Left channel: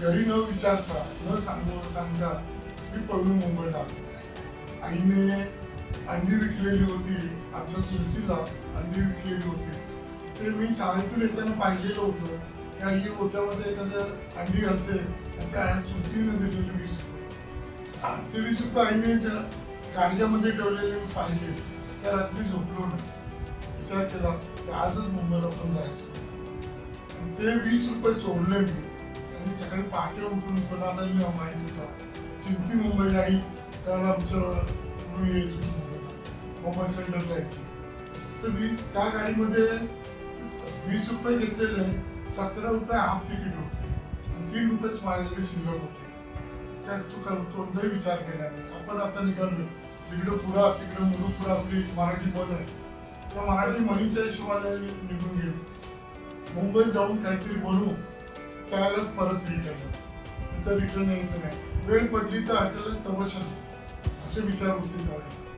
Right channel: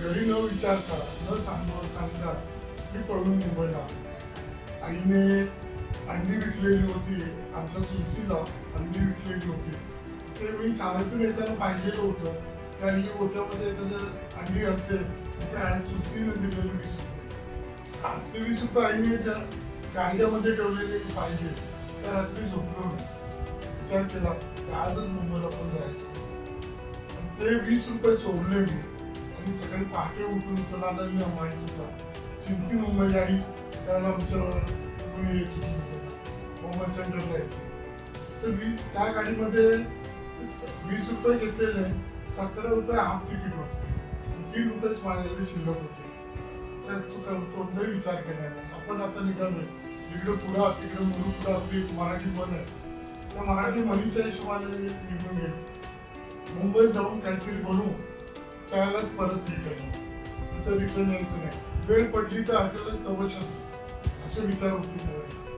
घरी न विचारता न सांगता मी पळून मुंबईला आलो. आईने अंडी विकलेली होती, आमच्या चुलतीला अंडी विकलेली होती. ते मी शाळेतून येताना पाहिलेलं होतं. त्या ही ओट्यामध्ये एखाद्या अंडी घालते, त्या चुलतीने दिलेली 20 रुपये. ते 20 रुपये आईने गाडग्यामध्ये ठेवलेले मी पाहिले. त्या रात्री झोपलो मी, विचार केला की आजच मुंबईला पण जायचं. ते 20 रुपये चोरले मी आणि सकाळी पहाटे उठून कोणाला माहिती होता चिंती मुंबई गाडी, कारण आमच्या मुंबई सेंट्रल जायची. तर त्या गाडीमध्ये 20 रुपये घेतलेले, 17 रुपये हाफ तिकीट होते, 3 रुपयेच माझ्याकडे शिल्लक होते. त्यात कोणताही विचार केला नाही. आपण आता निघालो जिकडे पुढा तिकडे मुरुपुरा आपली मराठी म्हण आहे, त्या मराठी म्हणीच्या हिशोबाने निघून गेलो. मुंबईत जाऊन काहीतरी बनवू, त्यालाच परत रिटर्न. इथं रिटर्न यायचं नाही. वेळ पडली तर आपल्याला तवशत असे विचार होते.